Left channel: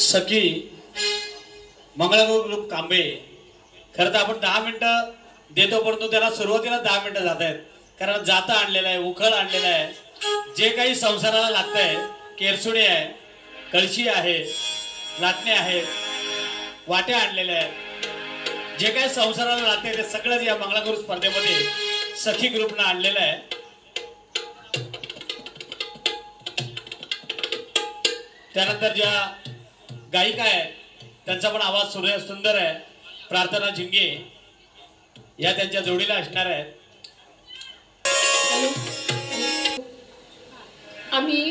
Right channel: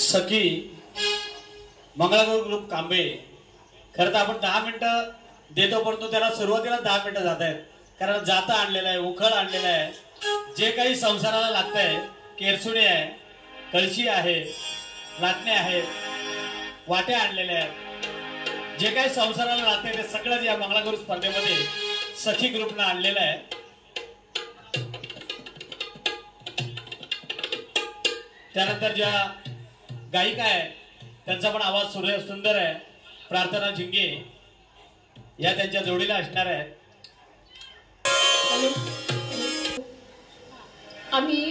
सखी Mangalagaur group Kambe. खरं तर आपण 10 मिनिटं देतो, परंतु त्याला सुरुवातीला 10 मिनिटं जात आहेत. कारण जातं आणलेलं आहे, उखळ आणलेलं आहे, जे काही संसाराला लागतंय, केरसुणी आहे, कळशी आहे, लाटणे आहेत, वाट्या आणलेल्या आहेत, जे काही संसाराला लागतंय ते सगळं या मंगळागौर स्पर्धेमध्ये सखी ग्रुपनं आणलेलं आहे. त्यानंतर ज्या गायिका आहे त्यांचा पण आवाज सुंदर आहे. प्रार्थना झिंगे या त्यांच्या जोडीला असणार आहेत. आम्ही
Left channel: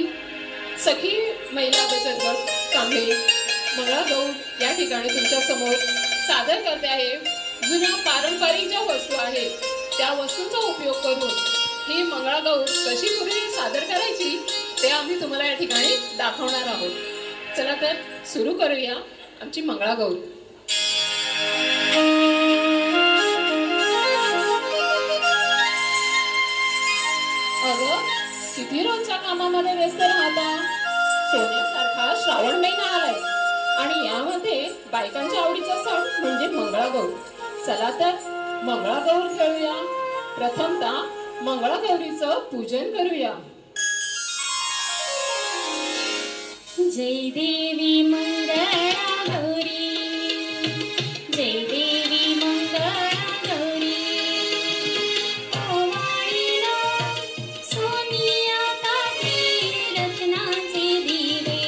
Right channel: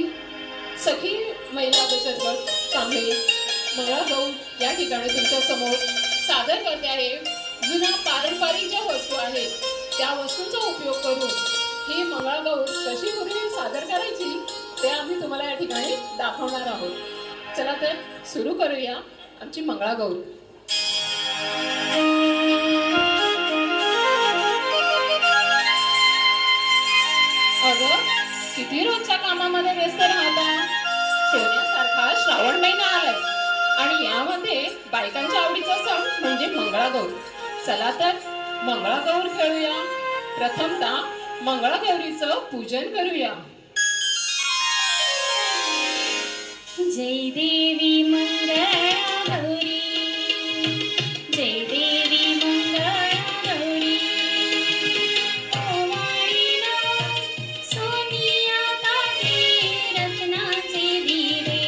सखी महिला बचत गट कांबे मंगळागौर या ठिकाणी तुमच्या समोर सादर करते आहे. जुन्या पारंपरिक ज्या वस्तू आहेत त्या वस्तूंचा उपयोग करून ही मंगळागौर कशी पूर्वी सादर करायची ते आम्ही तुम्हाला या ठिकाणी दाखवणार आहोत. चला तर सुरू करूया आमची मंगळागौर. अगं किती रोजच्या कामामध्ये व्यस्त राहता. सोन्यासारखा श्रावण महिना आलाय आणि यामध्ये बायकांच्या आवडीचा सण म्हणजे मंगळागौर. चला तर मंगळागौर खेळूया. प्रथमतः मंगळागौरीचं पूजन करूया. जय देवी मंगळा गौरी, जय देवी मंगळा गौरी. ओवाळीला सोनिया ताटे रत्नाचे दिवे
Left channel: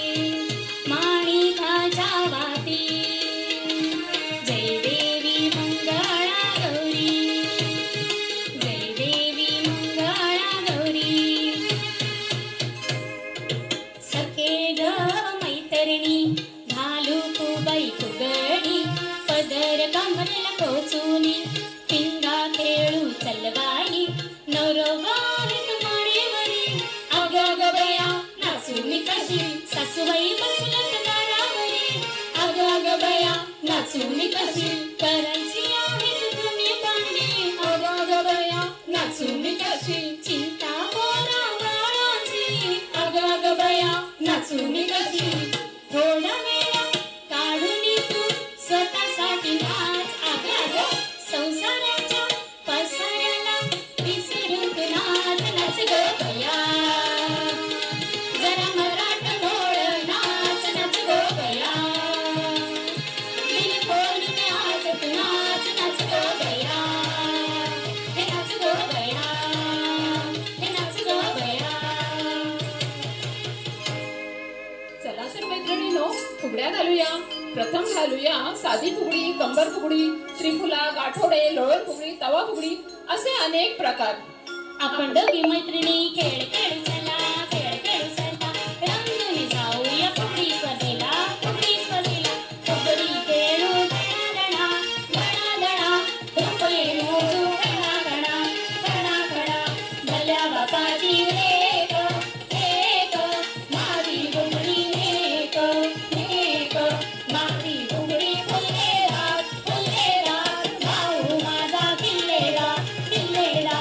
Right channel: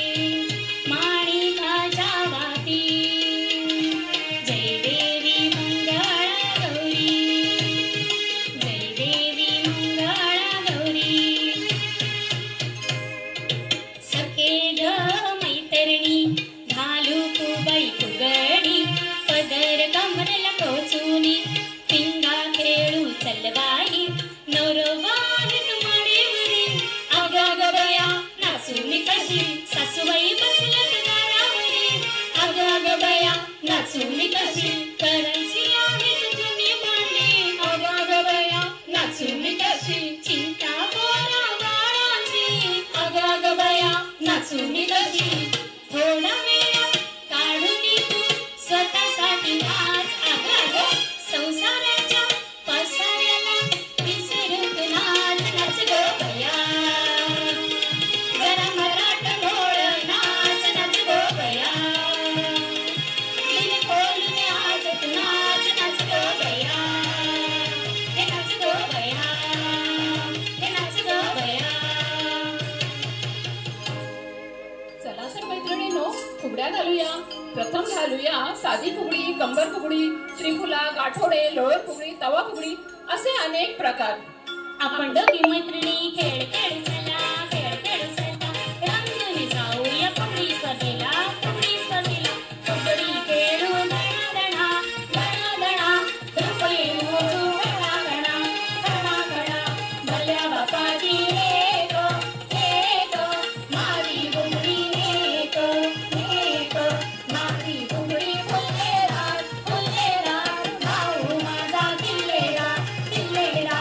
माणिकाच्या वाती. जय देवी मंगळा गौरी, जय देवी मंगळा गौरी. सखे ग मैतरणी घालू कुबाई फुगडी पदर कमरला कोचुनी पिंगा खेळू चलबाई नवरवारक माडेवरी. अगं ग बया नाचू मी कशी सासूबाई बसल्यात दारावरी. अगं ग बया नाचू मी कशी करायची आहेत जुनी भांडी. अगं ग बया नाचू मी कशी चिंता पोरा बाळाची. अगं ग बया नाचू मी कशी थोडा वेळ काढून तू स्वतःसाठी नाच. अगं संसाराच्या पसाऱ्याला विसरून तू नाच. नाच ग बया जरा मराठ मोड नाच. नाच ग बया दिल खोलून आज तू नाच. नाच ग बया हे नाच ग बया हे नाच ग बया. चला तर मैत्रिणींनो फुगड्या घालूया. प्रथम घालूया साधी फुगडी, कंबर फुगडी, त्रिफुला, गाठोडे, लोळर फुगडी, तवा फुगडी असे अनेक प्रकार. आपण दोघी मैत्रिणी खेळ खेळू चला, खेळ खेळू चला, रंगून जाऊया फुगडी स्पर्धेला, फुगडी स्पर्धेला. फुगडी खेळू दणा दणा दणा रुपये मोजू खडा खडा खडा खडा. भल्या बापाची एक एक मारी घुगडी एक एक मारी घुगडी फुलके रात भाऊ माझा किल्लेला किल्लेला.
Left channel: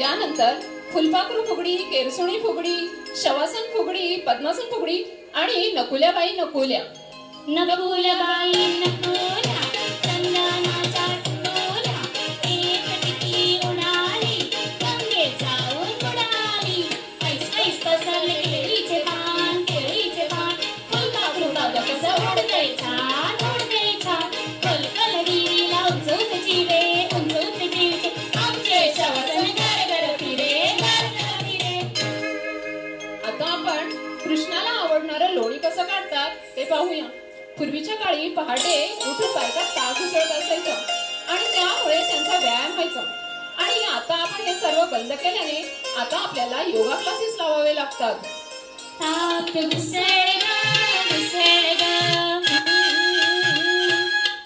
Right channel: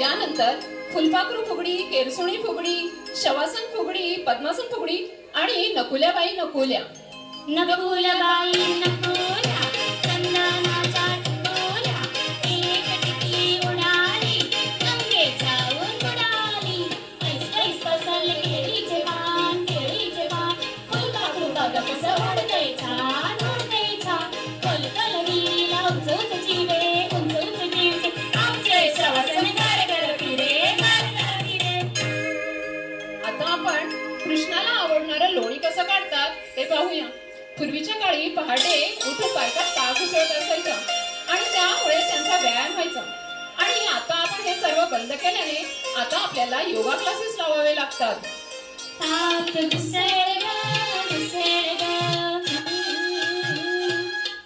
यानंतर फुलपाखरू फुगडी, केरसुणी फुगडी, शवासन फुगडी, पद्मासन फुगडी आणि नकुल्याबाई नकुल्या. नकुलबाई नकुल्या चंदनाच्या टोल्या एक टिकली उडाली गंगे जाऊन बुडाली. ऐस ऐस पसरले केळीचे पान केळीचे पान. फुलपाखरू बघ कसं उडतंय छान उडतंय छान. कलकलरीला उंचूच चिवे उंचूच चिवे आमचे शवासन गरगर फिरे गरगर फिरे. आता आपण कृष्णाला आवडणारं लोणी कसं काढतात ते पाहूया. पूर्वीच्या काळी पहाटे उठून बायका पाक उसळत असायचं आणि त्यामुळे त्यांचा व्यायाम व्हायचा. आणि आता आपण हे सर्व बंद केल्याने आता आपल्याला योगा क्लासेस लावावे लागतात. ताक घुसळ ग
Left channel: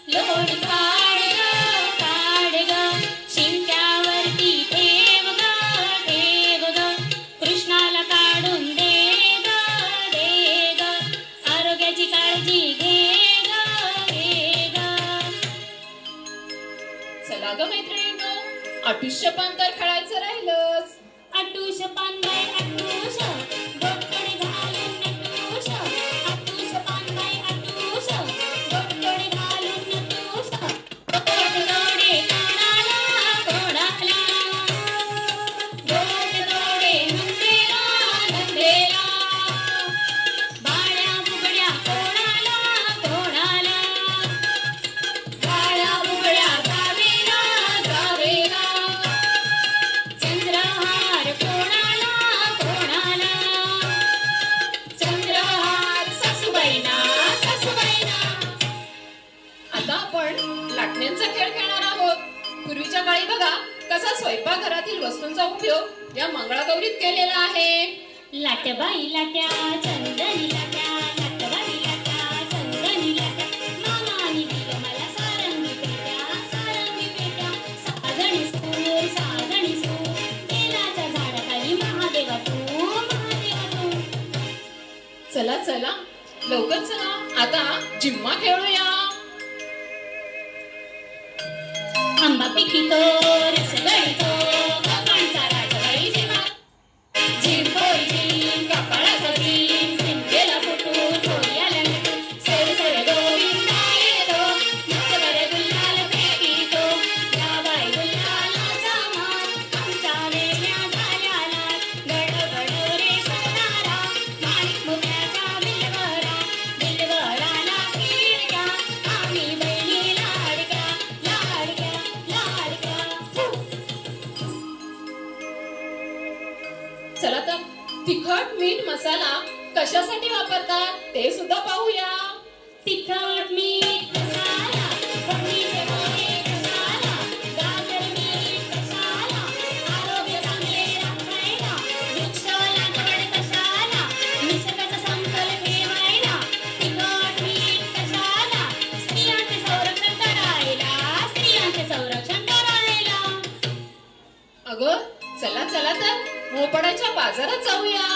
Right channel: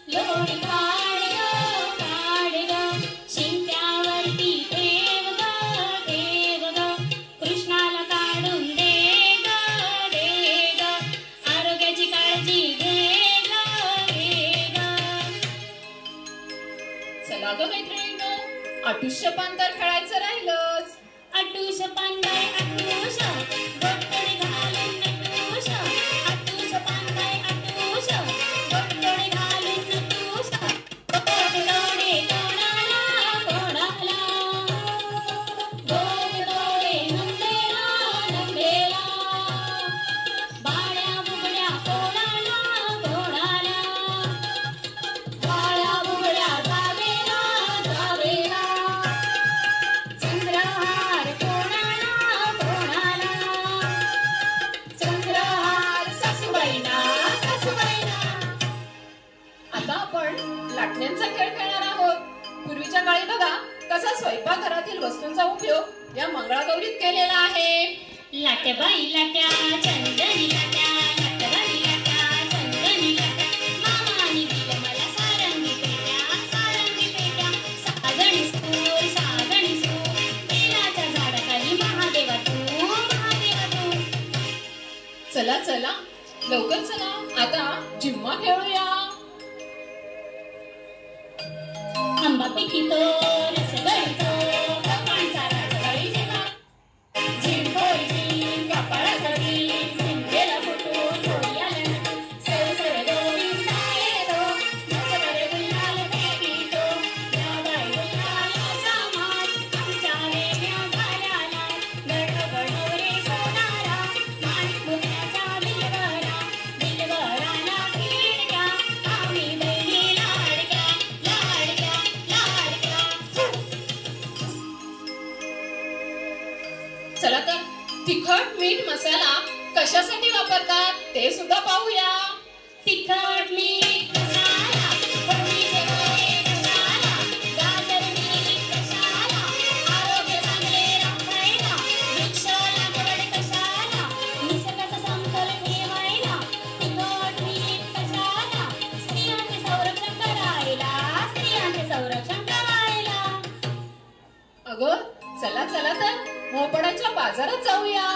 लोणी काढ ग शिंक्यावरती ठेव ग कृष्णाला काढून दे ग आरोग्याची काळजी घे ग. चला ग मैत्रिणींनो, अठुष्यपान तर खेळायचं राहिलंच. अटूश पानबाई अटूश गोटकडे घालून नटूश अटूश पानबाई अटूश गोटकडे घालून नटूश गोट तोडे कोणाला कोणाला गोट तोडे नंदेला नंदेला बाळ्या बुगड्या कोणाला कोणाला बाळ्या बुगड्या जावेला जावेला चंद्रहार कोणाला कोणाला चंद्रहार सासूबाईना सासूबाईना. आता आपण लाटण्यांचा खेळ खेळणार आहोत. पूर्वीच्या काळी बघा कसा स्वयंपाकघरातील वस्तूंचा उपयोग या मंगळागौरीत केलेला आहे. लाटबाई लाट्या चंदनी लाट्या लाटबाई लाट्या चंदनी लाट्या मामानी दिलं मला सारंगी पेट्या साजणी सूर बेलाच्या झाडाखाली महादेवा तू. चला चला लवकर चला आता जिम्मा खेळूया. आंबा पिकितो रस गळितो कपांचा राजबाई जेव्हा झिम होई झिम कपाळाचा झिम झिमकेला फुटू थोडी आल्या नटू सर सर गोविंदा येतो नच बरे गुलाल फेकितो या बाई गुलालाचा मार आमच्या वेण्या झाल्या लाल गडो गडो रे सोनारा माणिक मुक्याच्या बिलवराला खिडक्या आम्ही बहिणी लाडक्या लाडक्या लाडक्या. चला तर तिखट मीठ मसाला कशासाठी वापरतात ते सुद्धा पाहूया. तिखट मीठ मसाला फोडणीचे गोळे कशाला गाजर मीठ कशाला आरोग्य चांगले राखायला वृक्ष लागवड कशाला निसर्गाचा समतोल ठेवायला तिखट मीठ कशाला स्त्रियांचे संरक्षण करायला. अगं चला चला तर मोपड्याच्या बाजारात जाऊया.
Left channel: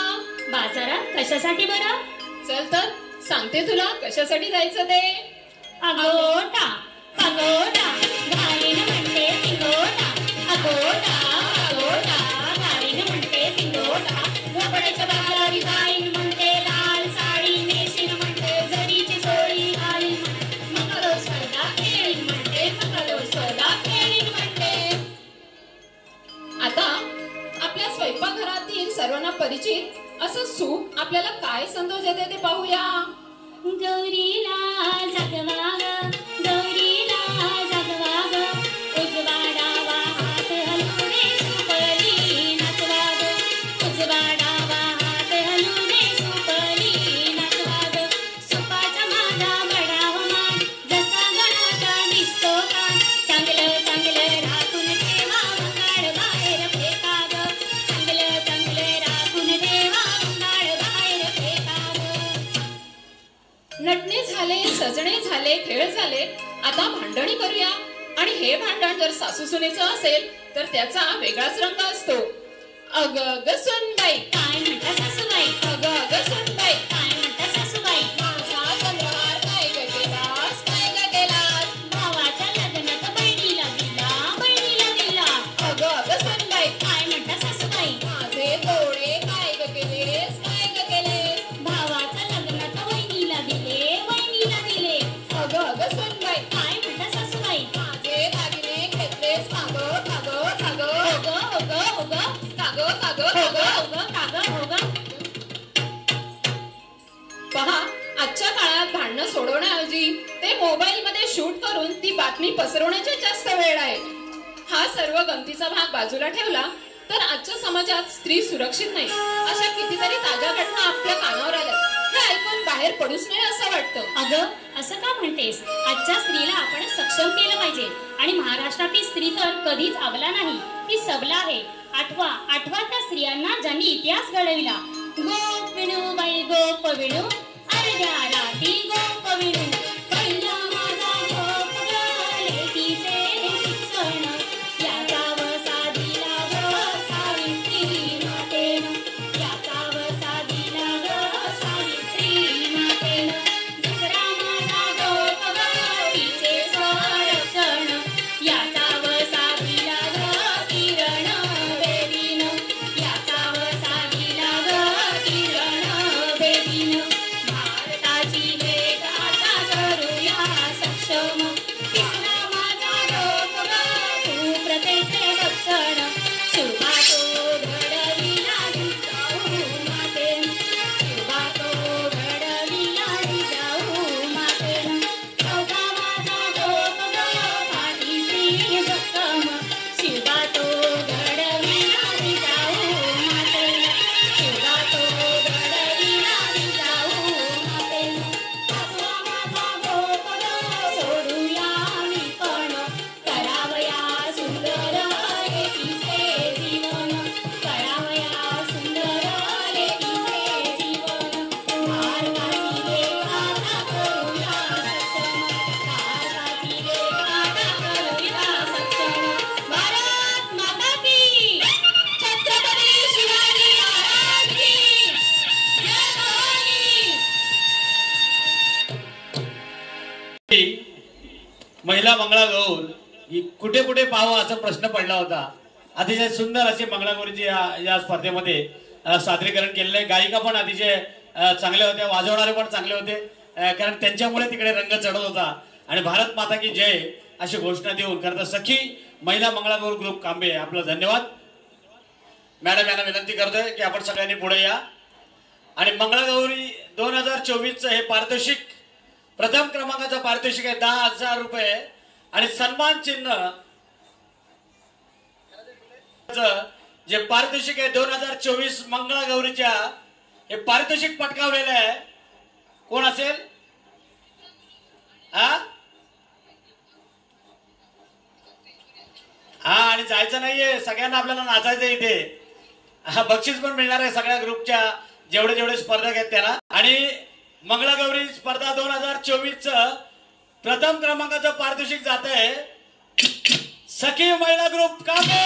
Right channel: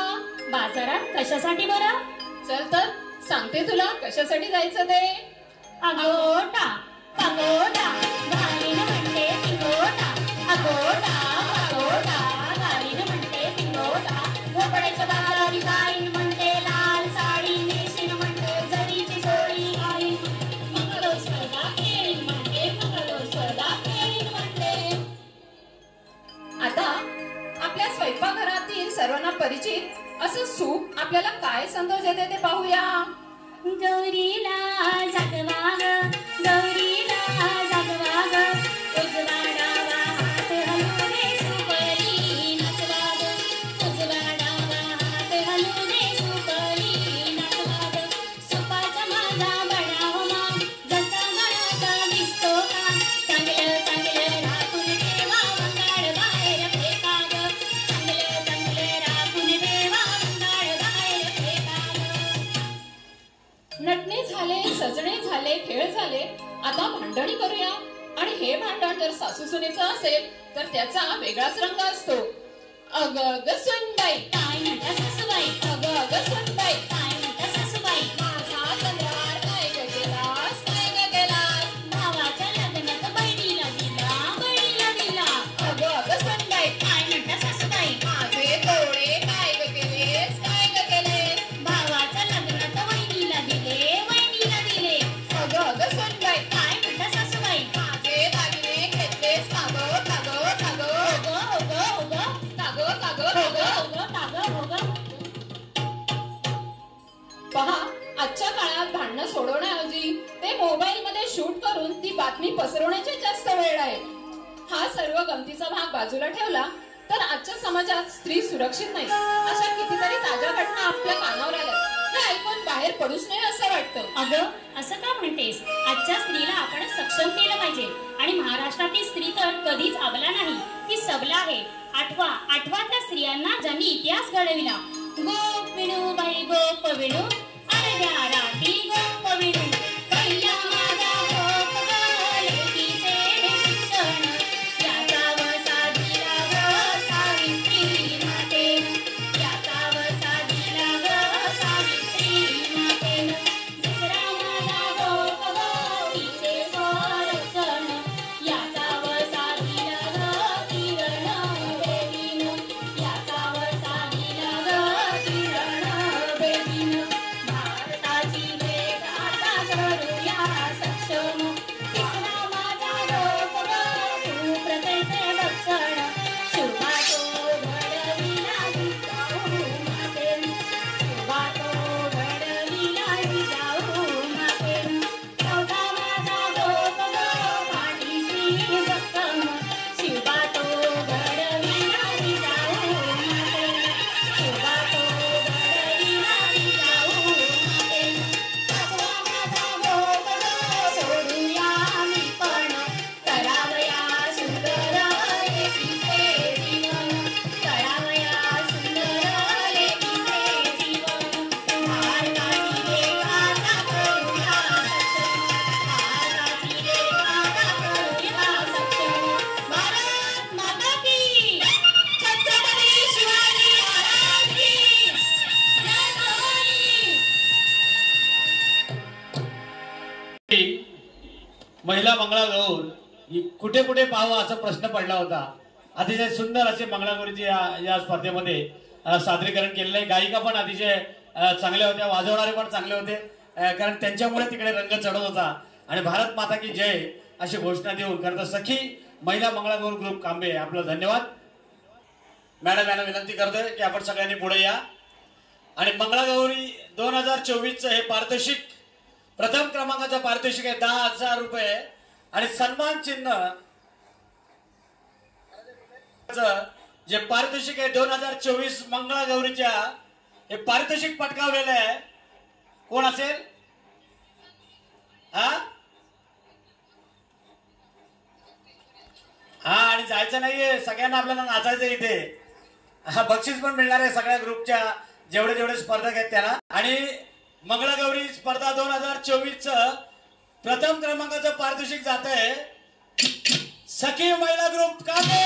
बाजारात कशासाठी बरं? चल तर सांगते तुला कशासाठी जायचं ते. अगोटा पगोटा गाईनं म्हणते पिंगोटा अगोटा पगोटा गाईनं म्हणते पिंगोटा झोपड्याच्या बाजारी गाईन म्हणते लाल साडी नेशीन म्हणते जरीची सोळी घालीन मंगलो स्पर्धा खेळीन म्हणते मंगलो स्पर्धा खेळीन म्हणते. आता आपल्या स्वयंपाकघरातील सर्वांना परिचित असं सूप आपल्याला काय संदेश देते ते पाहूया. गौरीला जागवा ग गौरीला जागवा ग उजवा डावा हात हलू दे सुपली नाचवा ग उजवा डावा हात हलू दे सुपली नाचवा ग सुपाचा माझा बडाव मान जसा गणाचा दिसतो कान चांगलं चांगलं राखून ठेवा वंगाड बाहेर फेका ग चांगलं चांगलं राखून ठेवा वंगाड बाहेर फेका ग. नटणे झाले सजणे झाले खेळ झाले आता भांडणी करूया. आणि हे भांडण जर सासू सुनेचं असेल तर त्याचा वेगळाच रंग असतो. अग ग सुनबाई काय म्हणता सासूबाई अग ग सुनबाई काय म्हणता सासूबाई माझा चंद्रहार काय ग केलास काय ग केलास. भावाच्या लग्नात बहिणीला दिला अग ग सुनबाई काय म्हणता सासूबाई माझे तोडे काय ग केलेस काय ग केलेस. भावाच्या लग्नात वहिनीला दिले अग ग सुनबाई काय म्हणता सासूबाई माझे दागिने घेतलेस काग काग काग ओग काग काग काग. पहा आजच्या काळात भांडणं सोडवण्याऐवजी ते मोबाईल मध्ये शूट करून ती बातमी पसरवण्याचे जास्त वेळ आहे. हा सर्व गमतीचा भाग बाजूला ठेवला तर आजच्या समाजात स्त्री सुरक्षित नाही अशा कितीतरी ताज्या घटना आपल्या कानावर आल्या. हे ऐकून बाहेर पडूच नाही असं वाटतं. अगं असं का म्हणतेस? आजच्या स्त्रीला आपण सक्षम केलं पाहिजे. आणि महाराष्ट्रातील स्त्री तर कधीच अबला नाही, ती सबला आहे. आठवा त्या स्त्रियांना ज्यांनी इतिहास घडविला. गोप विणू बाई गोप विणू अर्ध्या रात्री गोप विणू पहिला माझा गोप ग लेकीचे शिक्षण याचा वसा दिला ग सावित्री मातेनं याचा वसा दिला ग सावित्री मातेनं दुसरा माझा गोप ग तिचे संरक्षण याचा वसा दिला ग किरण बेबीनं महिला मंगळागौर ही कुठे कुठे पाहावं असा प्रश्न पडला होता. अतिशय सुंदर असे मंगळागौरीचे या स्पर्धेमध्ये सादरीकरण केलेले आहे. गायिका पण अतिशय चांगल्या होत्या, वाजवणारे पण चांगले होते, कारण त्यांच्यामुळे तिकडे रंग चढत होता. आणि भारत माता की जय अशी घोषणा देऊन करता सखी महिला मंगळागौर ग्रुप कांबे आपलं धन्यवाद. मॅडम यांना विनंती करतोय की आपण सगळ्यांनी पुढे या. आणि मंगळागौरी 2024 हे पारितोषिक प्रथम क्रमांकाचं पारितोषिक आहे 10,000 रुपये आणि सन्मान चिन्ह जे पारितोषिक आहे 2024 मंगळागौरीच्या हे पारितोषिक पटकावलेलं आहे. कोण असेल? हा आणि जायचं नाहीये, सगळ्यांना आपल्याला नाचायचं इथे. बक्षीस पण मिळणार आहे सगळ्या ग्रुपच्या जेवढे स्पर्धक आहेत त्यांना. आणि मंगळागौरी स्पर्धा 2024 प्रथम क्रमांकाचं पारितोषिक जात आहे सखी महिला ग्रुप कांबे.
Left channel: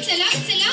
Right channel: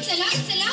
चला चला